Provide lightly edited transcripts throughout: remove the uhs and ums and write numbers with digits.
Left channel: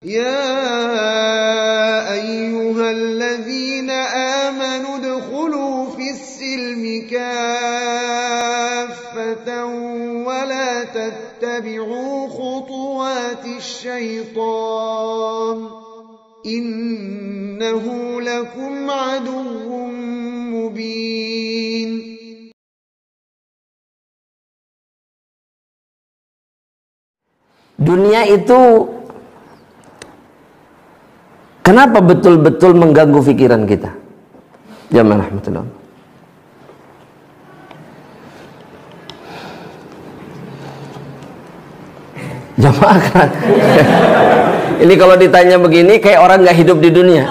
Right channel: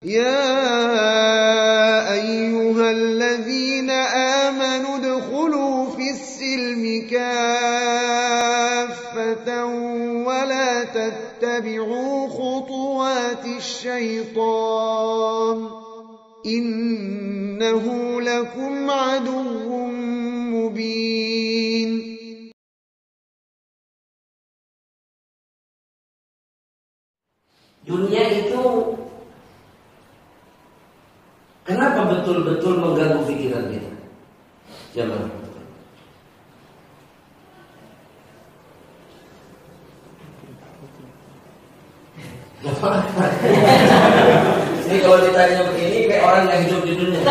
يا أيها الذين آمنوا ادخلوا في السلم كافة ولا تتبعوا خطوات الشيطان إنه لكم عدو مبين. Dunia itu kenapa betul-betul mengganggu pikiran kita? Jamaah rahmatullah. Jamaah kan? Ini kalau ditanya begini kayak orang nggak hidup di dunia.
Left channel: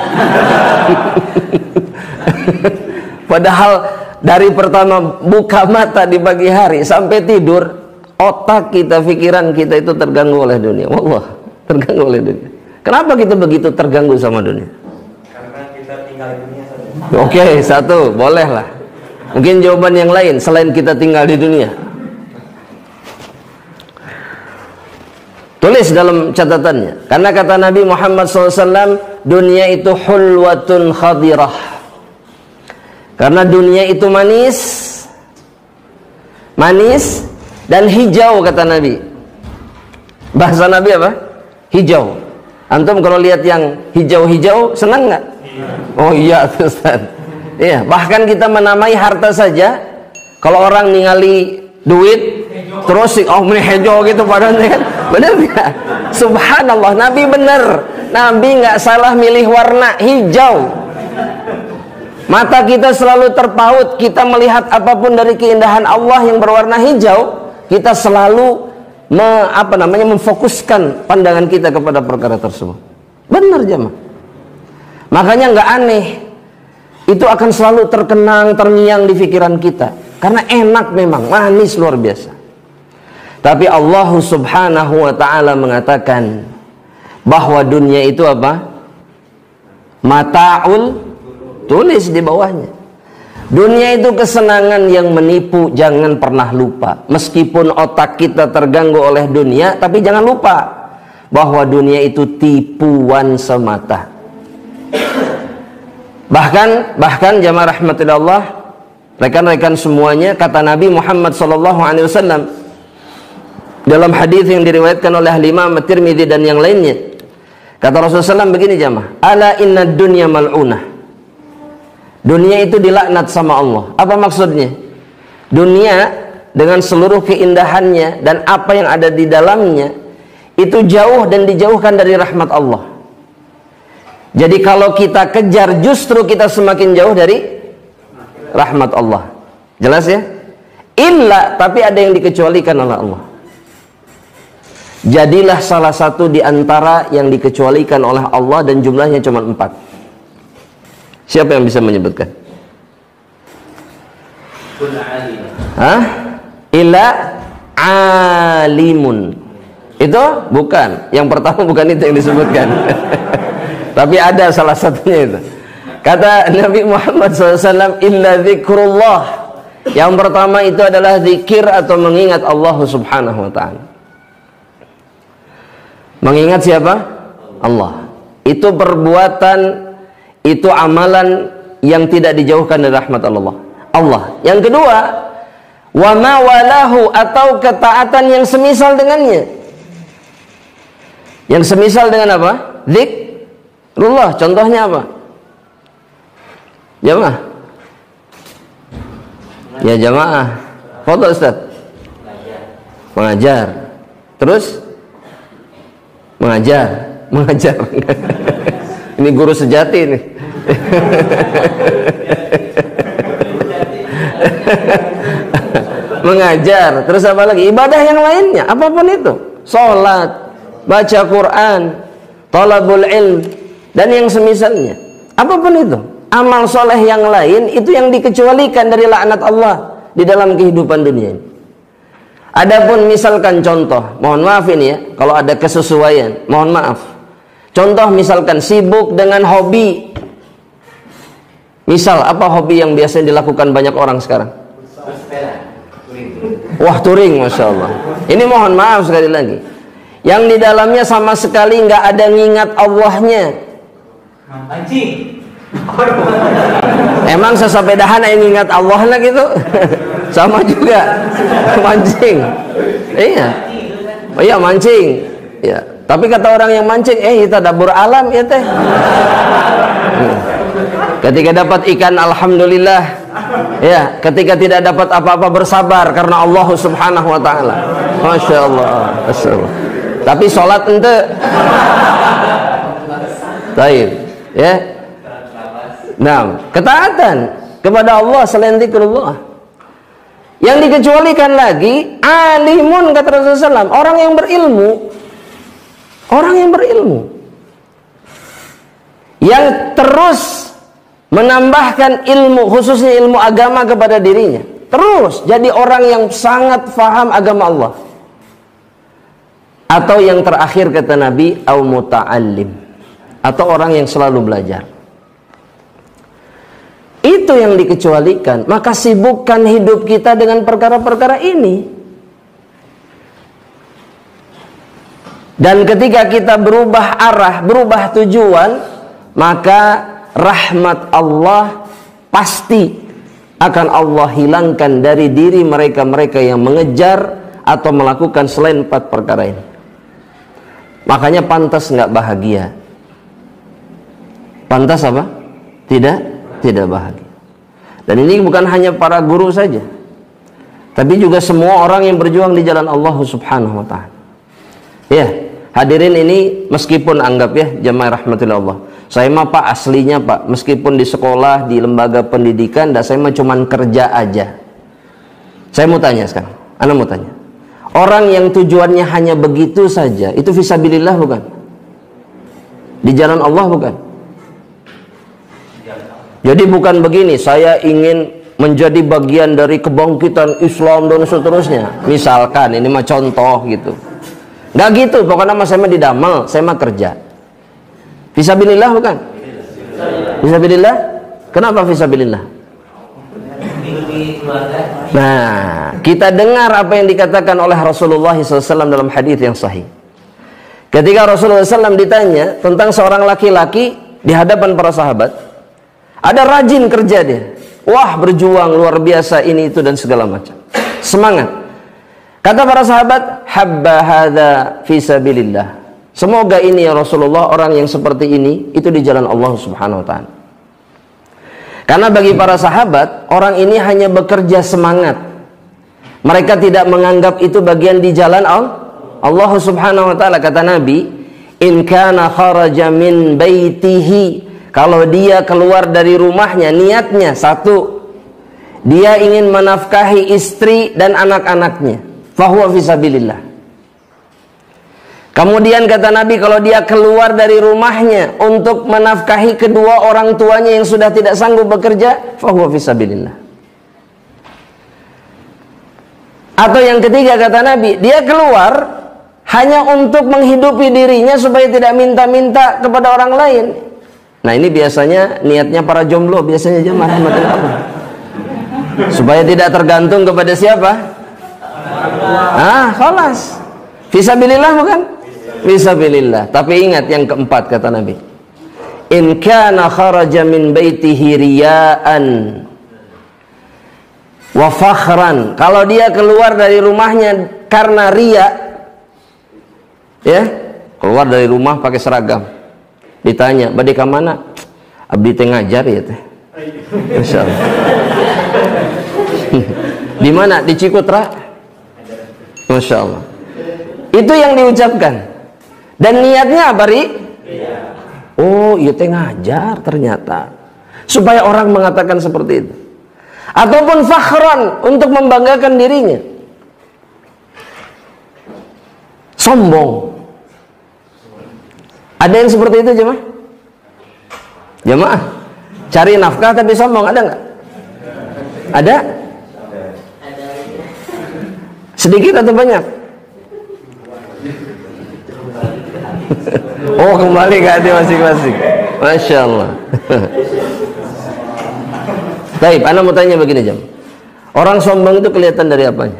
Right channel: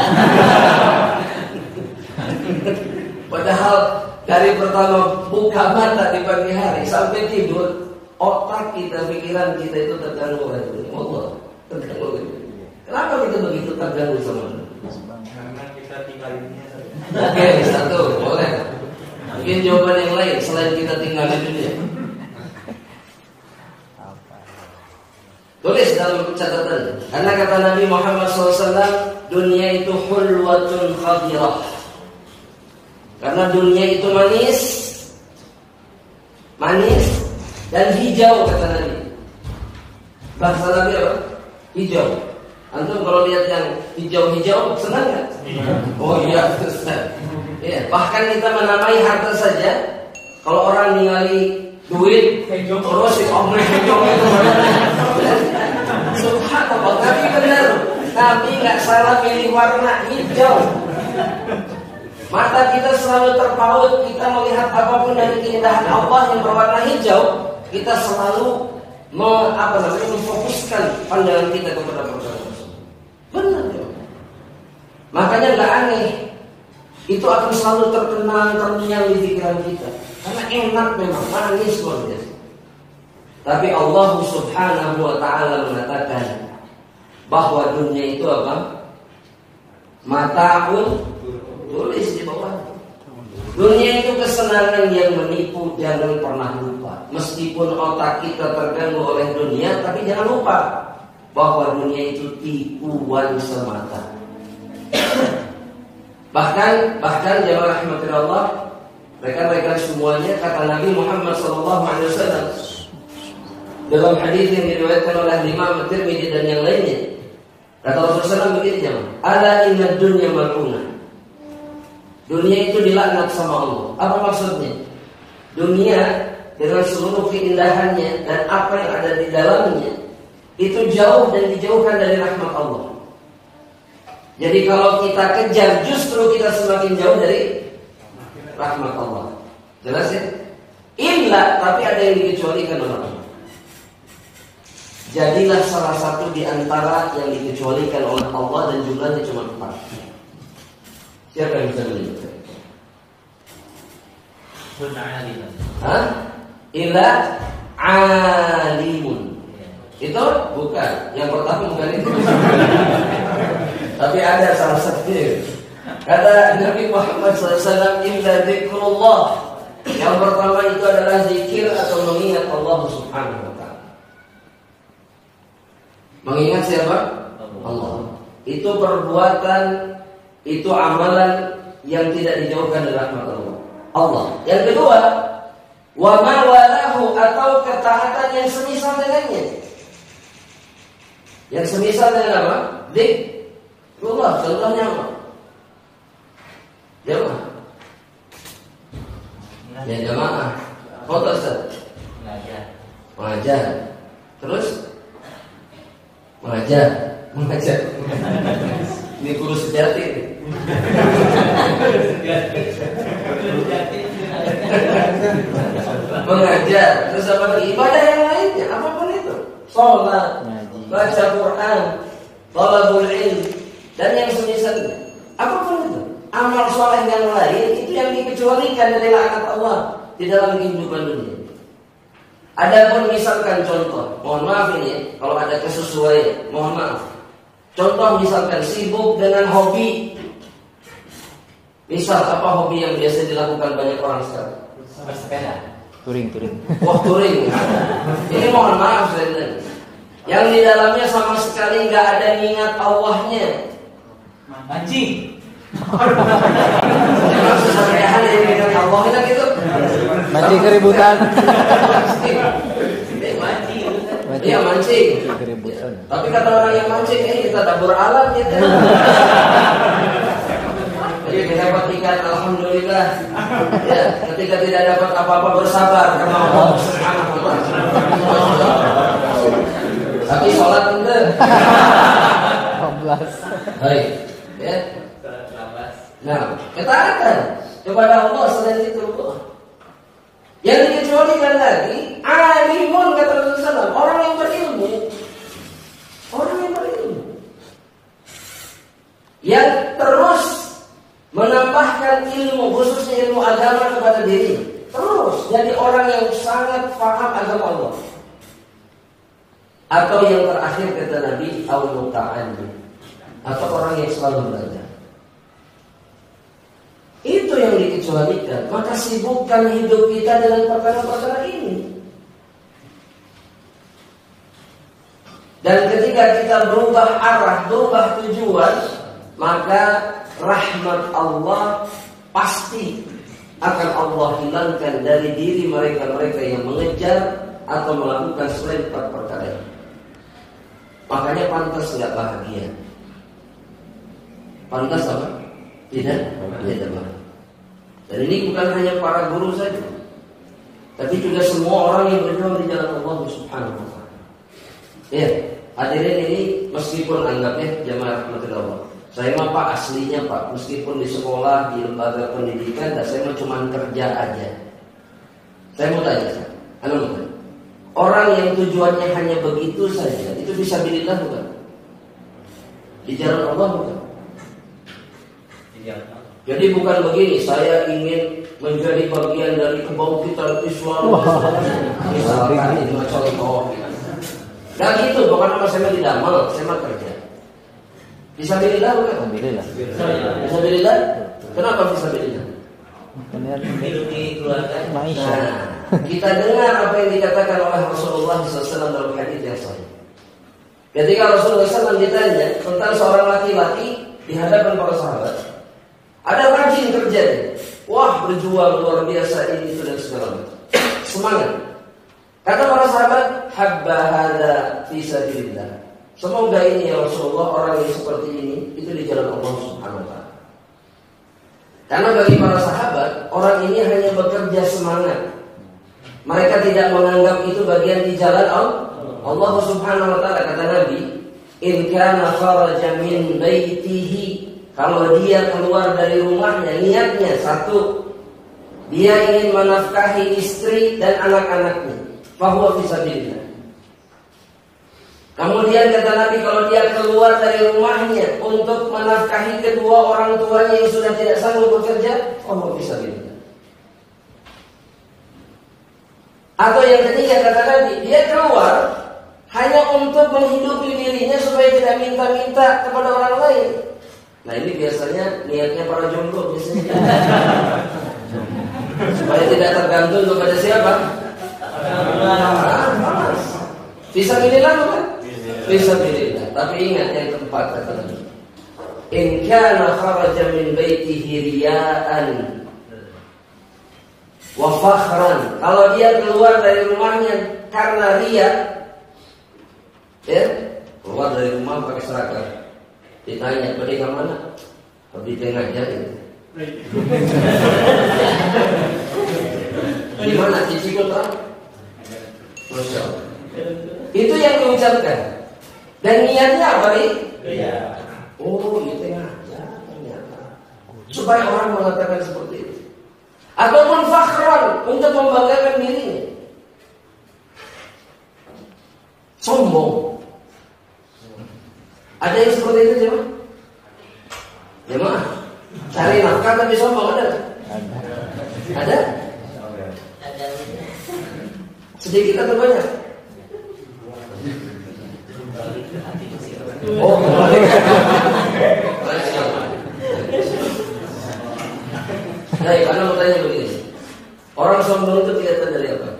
Padahal dari pertama buka mata di pagi hari sampai tidur, otak kita, pikiran kita itu terganggu oleh dunia. Wallah, terganggu oleh dunia. Kenapa kita begitu terganggu sama dunia? Karena kita tinggal di dunia. Oke, satu, boleh lah. Mungkin jawaban yang lain selain kita tinggal di dunia. Tulis dalam catatannya. Karena kata Nabi Muhammad SAW, dunia itu hulwatun khadirah. Karena dunia itu manis, manis dan hijau, kata Nabi. Bahasa Nabi apa? Hijau. Antum kalau lihat yang hijau-hijau senang nggak? Oh iya, Ustaz. Iya, bahkan kita menamai harta saja. Kalau orang ningali duit terus oh hijau gitu padahal dia. Benar nggak? Subhanallah, Nabi benar. Nabi nggak salah milih warna hijau. Mata kita selalu terpaut, kita melihat apapun dari keindahan Allah yang berwarna hijau, kita selalu memfokuskan pandangan kita kepada perkara tersebut. Benar jemaah. Makanya nggak aneh, itu akan selalu terkenang, terngiang di pikiran kita, karena enak memang, manis luar biasa. Tapi Allah Subhanahu wa Ta'ala mengatakan bahwa dunia itu apa? Mata'un, tulis di bawahnya. Dunia itu kesenangan yang menipu, jangan pernah lupa. Meskipun otak kita terganggu oleh dunia, tapi jangan lupa bahwa dunia itu tipuan semata. Bahkan jamaah rahmatullah, rekan-rekan semuanya, kata Nabi Muhammad SAW dalam hadis yang diriwayatkan oleh Imam At-Tirmidzi dan yang lainnya, kata Rasulullah SAW begini jamaah, ala inna dunya mal'unah. Dunia itu dilaknat sama Allah. Apa maksudnya? Dunia dengan seluruh keindahannya dan apa yang ada di dalamnya itu jauh dan dijauhkan dari rahmat Allah. Jadi kalau kita kejar, justru kita semakin jauh dari rahmat Allah. Jelas ya? Illa, tapi ada yang dikecualikan oleh Allah. Jadilah salah satu di antara yang dikecualikan oleh Allah dan jumlahnya cuma 4. Siapa yang bisa menyebutkan? Hah? Ila alimun. Itu bukan. Yang pertama bukan itu yang disebutkan. Tapi ada salah satunya itu. Kata Nabi Muhammad SAW, illa zikrullah. Yang pertama itu adalah zikir atau mengingat Allah Subhanahu wa Ta'ala. Mengingat siapa? Allah. Itu perbuatan, itu amalan yang tidak dijauhkan dari rahmat Allah. Yang kedua, wa ma walahu, atau ketaatan yang semisal dengannya. Yang semisal dengan apa? Zikrullah. Contohnya apa? Jamaah. Ya jamaah. Foto Ustaz. Mengajar. Terus mengajar. Ini guru sejati nih. Mengajar. Terus apa lagi? Ibadah yang lainnya, apapun itu. Salat, baca Quran, talabul ilm, dan yang semisalnya. Apapun itu. Amal soleh yang lain itu yang dikecualikan dari laknat Allah di dalam kehidupan dunia. Adapun misalkan contoh, mohon maaf ini ya, kalau ada kesesuaian, mohon maaf. Contoh misalkan sibuk dengan hobi. Misal apa hobi yang biasanya dilakukan banyak orang sekarang? Wah, touring, Masya Allah. Ini mohon maaf sekali lagi. yang di dalamnya sama sekali nggak ada ngingat Allahnya. Mancing. Emang sesepedahan yang ingat Allah lah gitu. Sama juga mancing. Iya. Oh iya mancing. Ya. Tapi kata orang yang mancing, kita dapur alam ya teh. Ketika dapat ikan alhamdulillah. Ya, ketika tidak dapat apa-apa bersabar karena Allah Subhanahu wa taala. Masya Allah. Tapi sholat ente. Baik, ya. Nah, ketaatan kepada Allah selain zikrullah. Yang dikecualikan lagi, alimun kata Rasulullah SAW, orang yang berilmu. Orang yang berilmu. Yang terus menambahkan ilmu, khususnya ilmu agama kepada dirinya. Terus jadi orang yang sangat faham agama Allah. Atau yang terakhir kata Nabi, au muta'allim. Atau orang yang selalu belajar. Itu yang dikecualikan. Maka sibukkan hidup kita dengan perkara-perkara ini. Dan ketika kita berubah arah, berubah tujuan, maka rahmat Allah pasti akan Allah hilangkan dari diri mereka-mereka yang mengejar atau melakukan selain 4 perkara ini. Makanya pantas nggak bahagia. Pantas apa? Tidak bahagia. Dan ini bukan hanya para guru saja, tapi juga semua orang yang berjuang di jalan Allah Subhanahu wa taala. Ya, hadirin ini meskipun anggap ya jamaah rahmatillah Allah. Saya mah Pak aslinya Pak, meskipun di sekolah, di lembaga pendidikan, dan saya mah cuman kerja aja. Saya mau tanya sekarang, Anda mau tanya. Orang yang tujuannya hanya begitu saja, itu fisabilillah bukan? Di jalan Allah bukan? Jadi bukan begini, saya ingin menjadi bagian dari kebangkitan Islam dan seterusnya. Misalkan, ini mah contoh gitu. Nggak gitu, pokoknya mah saya mah didamel, saya mah kerja. Fisabilillah bukan? Fisabilillah? Kenapa fisabilillah? Nah, kita dengar apa yang dikatakan oleh Rasulullah SAW dalam hadis yang sahih. Ketika Rasulullah SAW ditanya tentang seorang laki-laki di hadapan para sahabat, ada rajin kerja dia. Wah, berjuang luar biasa ini itu dan segala macam. Semangat. Kata para sahabat, habba hadza fi sabilillah. Semoga ini ya Rasulullah, orang yang seperti ini itu di jalan Allah Subhanahu wa taala. Karena bagi para sahabat, orang ini hanya bekerja semangat. Mereka tidak menganggap itu bagian di jalan Allah Subhanahu wa taala. Kata Nabi, in kana kharaja min baitihi, kalau dia keluar dari rumahnya, niatnya satu, dia ingin menafkahi istri dan anak-anaknya, fahuwa fisabilillah. Kemudian kata Nabi, kalau dia keluar dari rumahnya untuk menafkahi kedua orang tuanya yang sudah tidak sanggup bekerja, fahuwa fisabilillah. Atau yang ketiga kata Nabi, dia keluar hanya untuk menghidupi dirinya supaya tidak minta-minta kepada orang lain. Nah ini biasanya niatnya para jomblo, biasanya jemaah apa? Supaya tidak tergantung kepada siapa? Khalas. Fisabilillah bukan? Fisabilillah. Tapi ingat yang keempat kata Nabi, in kana kharaja min baitihi riya'an wa fakhran. Kalau dia keluar dari rumahnya karena riya, ya, keluar dari rumah pakai seragam. Ditanya, "Bade ka mana?" "Abdi teh ngajar ya teh." Insyaallah. Di mana? Di Cikutra. Masyaallah. Itu yang diucapkan. Dan niatnya apa, Ri? Oh, iya teh ngajar ternyata. Supaya orang mengatakan seperti itu. Ataupun fakhran, untuk membanggakan dirinya. Sombong. Ada yang seperti itu jemaah? Jemaah, cari nafkah tapi sombong, ada nggak? Ada? Sedikit atau banyak? Oh, kembali ke hati masing-masing. Masya Allah. Baik, Anda mau tanya begini jam. Orang sombong itu kelihatan dari apanya?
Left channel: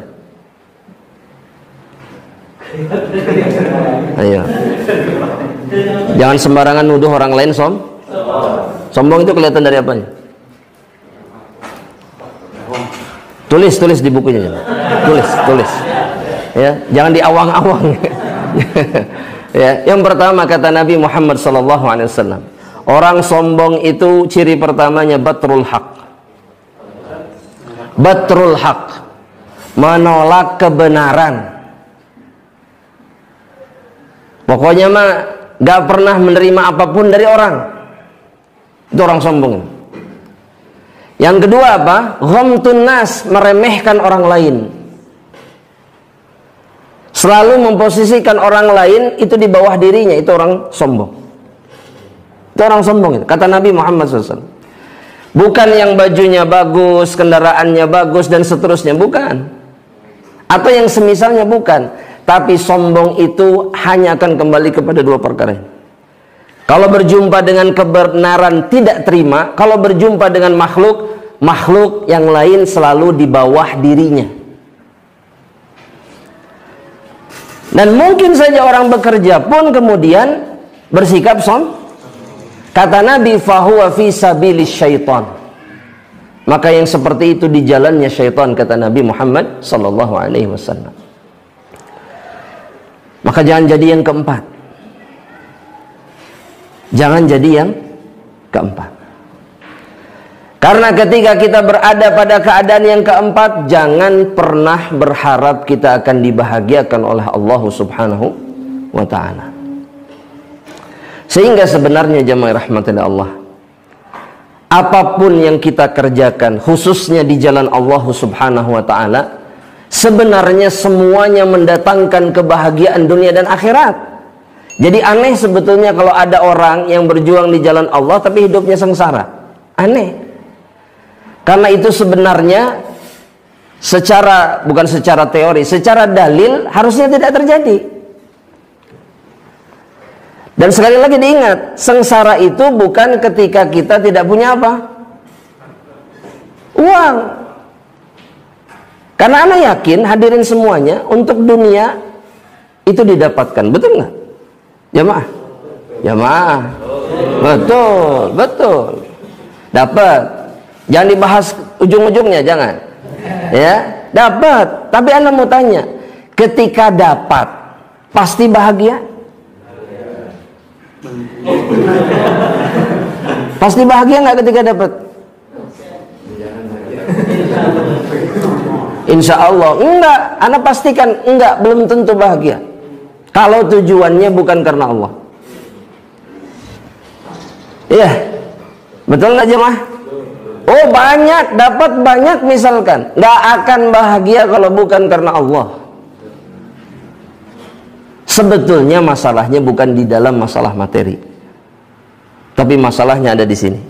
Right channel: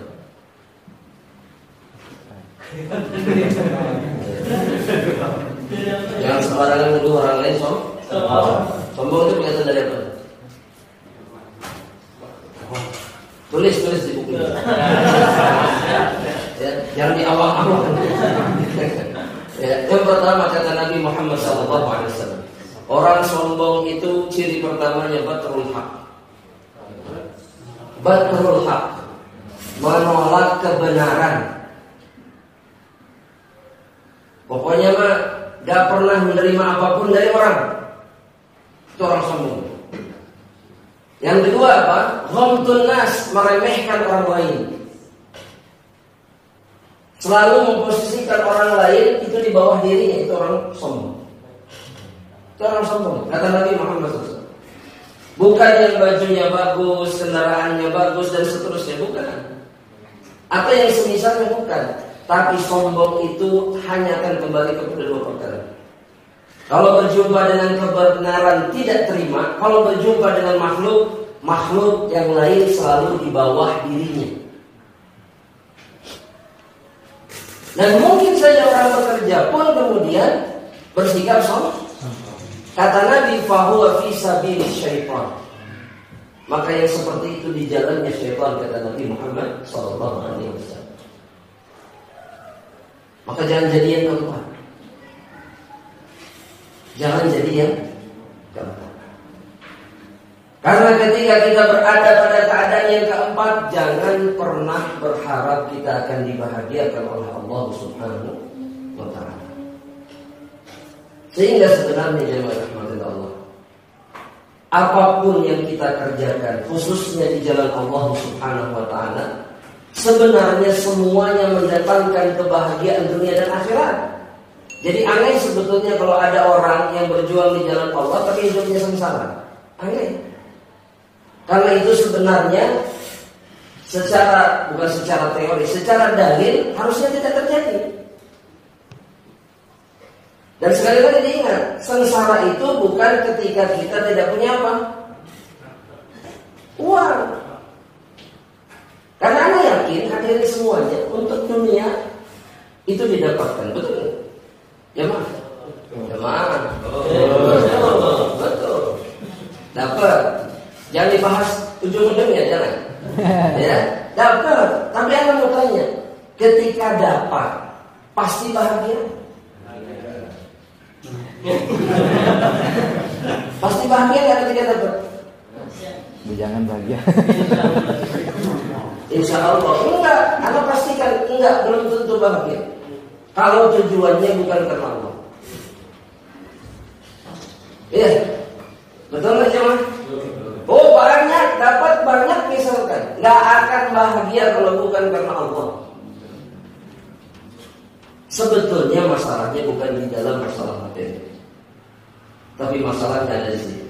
Jangan sembarangan nuduh orang lain sombong itu kelihatan dari apa nih? Tulis di bukunya. Tulis. Ya, jangan diawang-awang. Ya, yang pertama kata Nabi Muhammad SAW, orang sombong itu ciri pertamanya batrul haq. Batrul haq, menolak kebenaran. Pokoknya mah gak pernah menerima apapun dari orang. Itu orang sombong. Yang kedua apa? Ghamtun nas, meremehkan orang lain. Selalu memposisikan orang lain itu di bawah dirinya, itu orang sombong. Itu orang sombong itu. Kata Nabi Muhammad SAW. Bukan yang bajunya bagus, kendaraannya bagus dan seterusnya, bukan. Atau yang semisalnya, bukan. Tapi sombong itu hanya akan kembali kepada dua perkara. Kalau berjumpa dengan kebenaran tidak terima, kalau berjumpa dengan makhluk yang lain selalu di bawah dirinya. Dan mungkin saja orang bekerja pun kemudian bersikap kata Nabi, fahuwa fi sabilis syaitan. Maka yang seperti itu di jalannya syaitan, kata Nabi Muhammad sallallahu alaihi wasallam. Maka jangan jadi yang keempat. Jangan jadi yang keempat. Karena ketika kita berada pada keadaan yang keempat, jangan pernah berharap kita akan dibahagiakan oleh Allah Subhanahu wa ta'ala. Sehingga sebenarnya jemaah rahmatillah Allah, apapun yang kita kerjakan khususnya di jalan Allah Subhanahu wa ta'ala, sebenarnya semuanya mendatangkan kebahagiaan dunia dan akhirat. Jadi aneh sebetulnya kalau ada orang yang berjuang di jalan Allah tapi hidupnya sengsara. Aneh. Karena itu sebenarnya bukan secara teori, secara dalil harusnya tidak terjadi. Dan sekali lagi diingat, sengsara itu bukan ketika kita tidak punya apa? Uang. Karena Anda yakin hadirin semuanya untuk dunia itu didapatkan, betul nggak? Jamaah? Betul. Dapat. Jangan dibahas ujung-ujungnya, jangan. Ya, dapat. Tapi Anda mau tanya, ketika dapat, pasti bahagia? Pasti bahagia nggak ketika dapat? Insya Allah enggak. Anda pastikan enggak, belum tentu bahagia. Kalau tujuannya bukan karena Allah. Iya, betul nggak jemaah? Oh banyak, dapat banyak misalkan, nggak akan bahagia kalau bukan karena Allah. Sebetulnya masalahnya bukan di dalam masalah materi, tapi masalahnya ada di sini.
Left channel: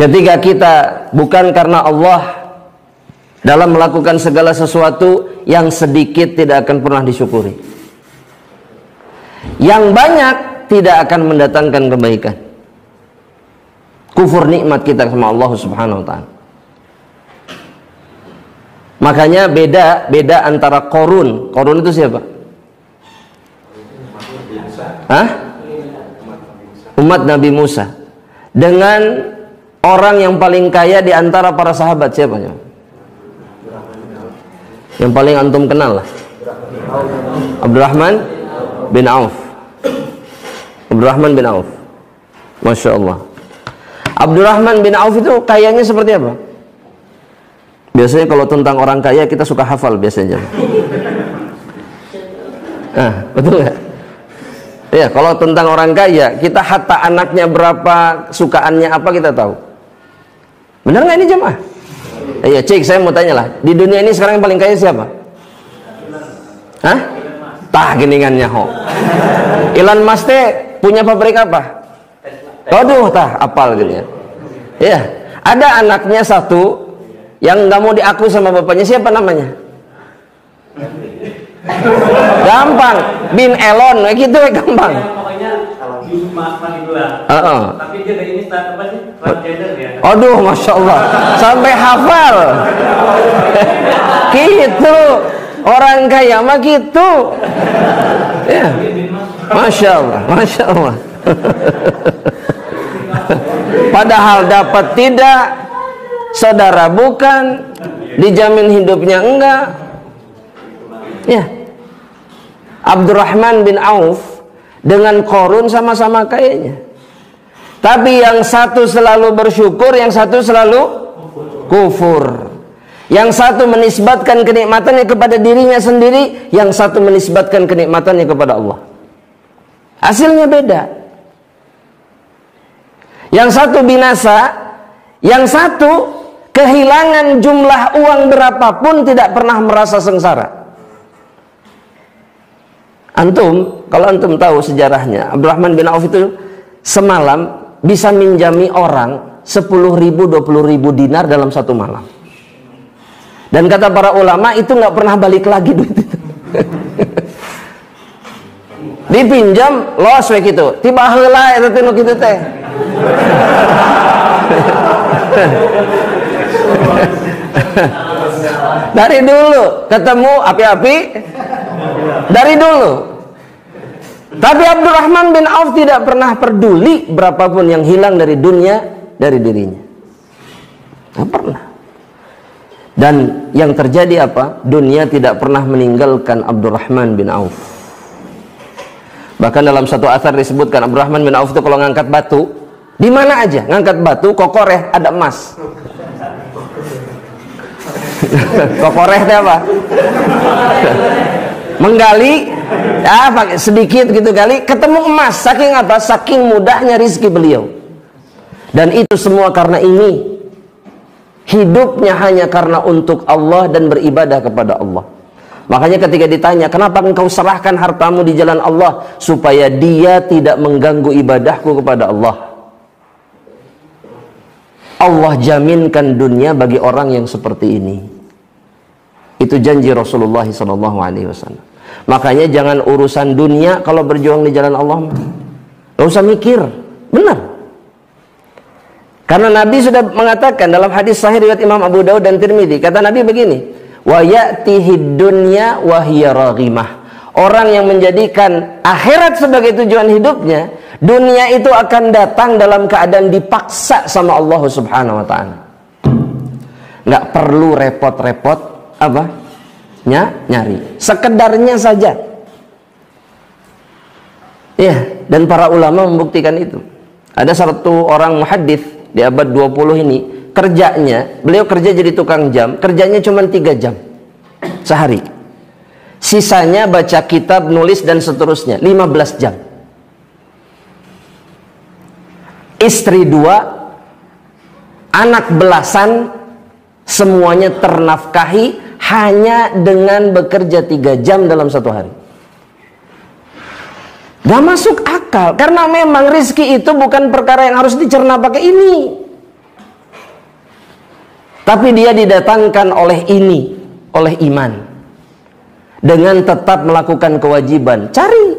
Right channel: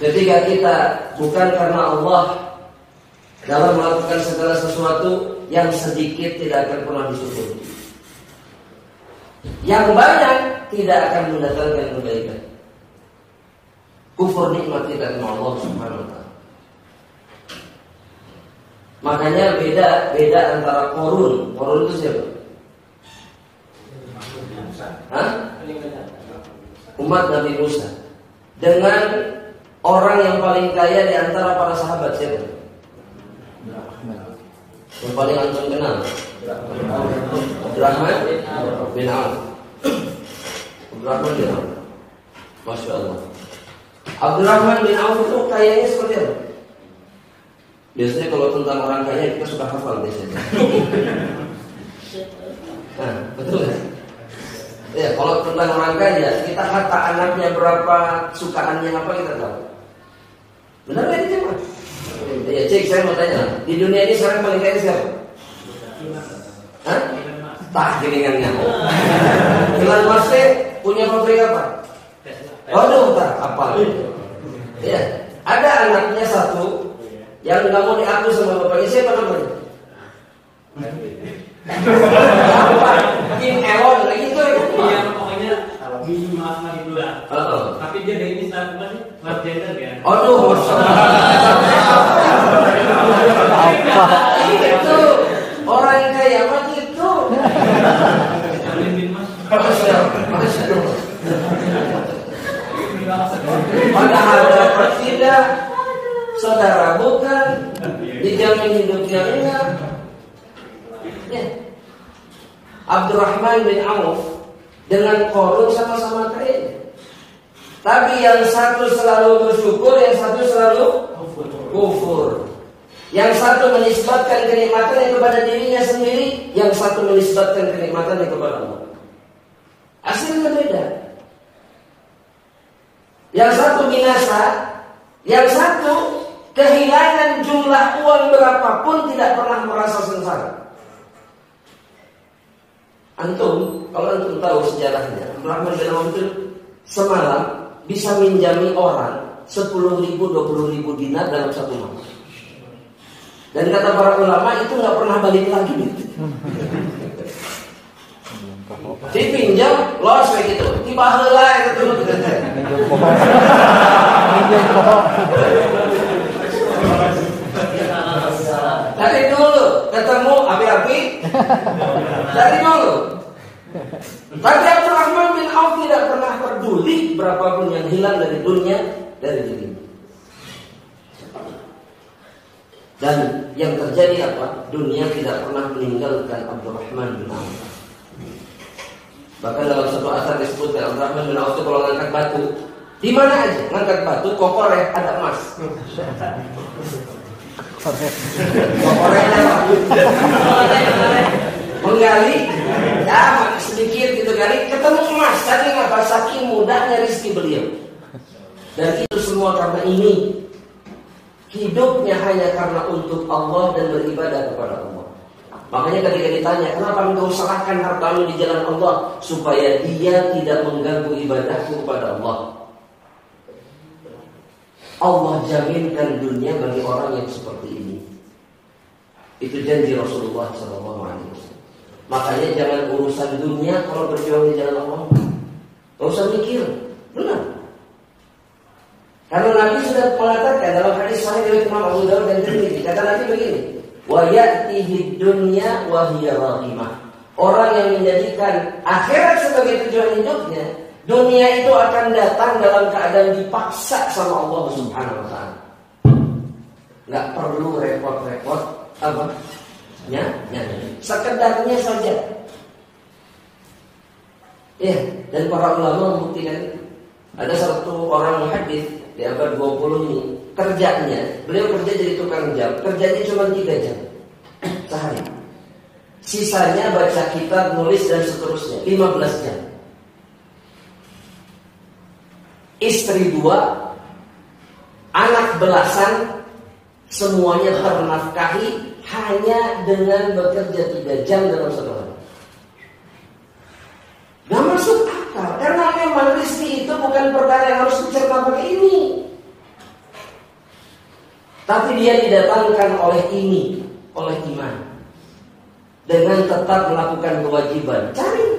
Ketika kita bukan karena Allah dalam melakukan segala sesuatu, yang sedikit tidak akan pernah disyukuri, yang banyak tidak akan mendatangkan kebaikan. Kufur nikmat kita sama Allah Subhanahu wa ta'ala. Makanya beda antara Qarun. Qarun itu siapa? Umat Nabi Musa. Dengan orang yang paling kaya di antara para sahabat, siapa? Yang paling antum kenal lah. Abdurrahman bin Auf. Masya Allah. Abdurrahman bin Auf itu kayanya seperti apa? Biasanya kalau tentang orang kaya kita suka hafal biasanya. Betul nggak? Ya, kalau tentang orang kaya kita hatta anaknya berapa, sukaannya apa kita tahu. Benar nggak ini jemaah? Iya, cik, saya mau tanya lah. Di dunia ini sekarang yang paling kaya siapa? Geningannya ho. Elon Musk punya pabrik apa? Waduh, apal gitu ya. Ya, ada anaknya satu yang nggak mau diaku sama bapaknya, siapa namanya? Gampang, Bim Elon, gitu ya gampang. Ya, pokoknya Bim Manibula. Tapi dia dari ini apa sih? Transgender ya. Aduh, masya Allah, sampai hafal. Gitu. Orang kaya mah gitu. Ya. Masya Allah, Masya Allah. Padahal dapat tidak, saudara bukan, dijamin hidupnya enggak. Ya. Abdurrahman bin Auf dengan Qarun sama-sama kayanya. Tapi yang satu selalu bersyukur, yang satu selalu kufur. Yang satu menisbatkan kenikmatannya kepada dirinya sendiri, yang satu menisbatkan kenikmatannya kepada Allah. Hasilnya beda. Yang satu binasa, yang satu kehilangan jumlah uang berapapun tidak pernah merasa sengsara. Antum, kalau antum tahu sejarahnya, Abdurrahman bin Auf itu semalam bisa minjami orang 10.000, 20.000 dinar dalam satu malam. Dan kata para ulama itu nggak pernah balik lagi duit itu. Dipinjam, los we gitu. Tiba heula eta teh nu kitu teh. Dari dulu ketemu api-api. Dari dulu. Tapi Abdurrahman bin Auf tidak pernah peduli berapapun yang hilang dari dunia, dari dirinya. Tidak pernah. Dan yang terjadi apa? Dunia tidak pernah meninggalkan Abdurrahman bin Auf. Bahkan dalam satu asar disebutkan Abdurrahman bin Auf itu kalau ngangkat batu, di mana aja ngangkat batu, kokoreh ada emas. Kokoreh itu apa? Menggali, ya pakai sedikit gitu kali, ketemu emas. Saking apa? Saking mudahnya rizki beliau. Dan itu semua karena ini. Hidupnya hanya karena untuk Allah dan beribadah kepada Allah. Makanya ketika ditanya, kenapa engkau serahkan hartamu di jalan Allah? Supaya dia tidak mengganggu ibadahku kepada Allah. Allah jaminkan dunia bagi orang yang seperti ini. Itu janji Rasulullah SAW. Makanya jangan urusan dunia kalau berjuang di jalan Allah. Gak usah mikir, benar. Karena Nabi sudah mengatakan dalam hadis sahih riwayat Imam Abu Dawud dan Tirmidzi, kata Nabi begini, wa ya'tihi dunya wa hiya raghimah. Orang yang menjadikan akhirat sebagai tujuan hidupnya, dunia itu akan datang dalam keadaan dipaksa sama Allah Subhanahu wa taala. Enggak perlu repot-repot apa? Nyari. Sekedarnya saja. Ya, dan para ulama membuktikan itu. Ada satu orang muhaddits di abad 20 ini, kerjanya, beliau kerja jadi tukang jam, kerjanya cuma 3 jam sehari. Sisanya baca kitab, nulis dan seterusnya, 15 jam. Istri 2, anak belasan, semuanya ternafkahi hanya dengan bekerja 3 jam dalam satu hari. Gak masuk akal, karena memang rizki itu bukan perkara yang harus dicerna pakai ini. Tapi dia didatangkan oleh ini, oleh iman. Dengan tetap melakukan kewajiban, cari.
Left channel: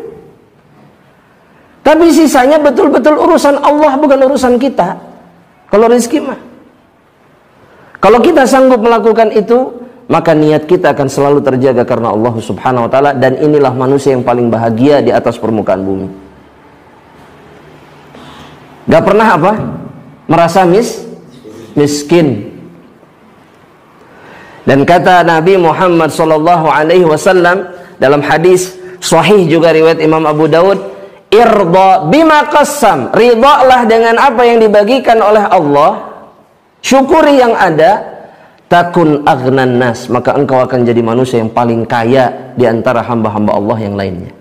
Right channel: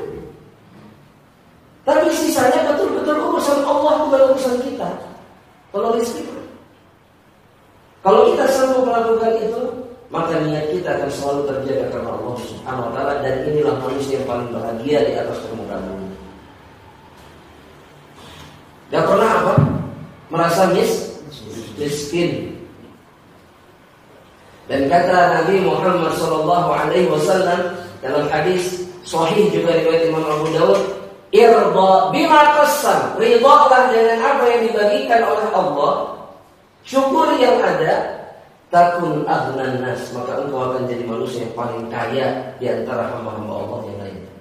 Tapi sisanya betul-betul urusan Allah, bukan urusan kita. Kalau rizki mah. Kalau kita sanggup melakukan itu, maka niat kita akan selalu terjaga karena Allah Subhanahu wa taala, dan inilah manusia yang paling bahagia di atas permukaan bumi. Gak pernah apa? Merasa miskin. Dan kata Nabi Muhammad sallallahu alaihi wasallam dalam hadis sahih juga riwayat Imam Abu Dawud, irda bima qassam, ridhalah dengan apa yang dibagikan oleh Allah, syukuri yang ada, takun aghnan nas, maka engkau akan jadi manusia yang paling kaya di antara hamba-hamba Allah yang lainnya.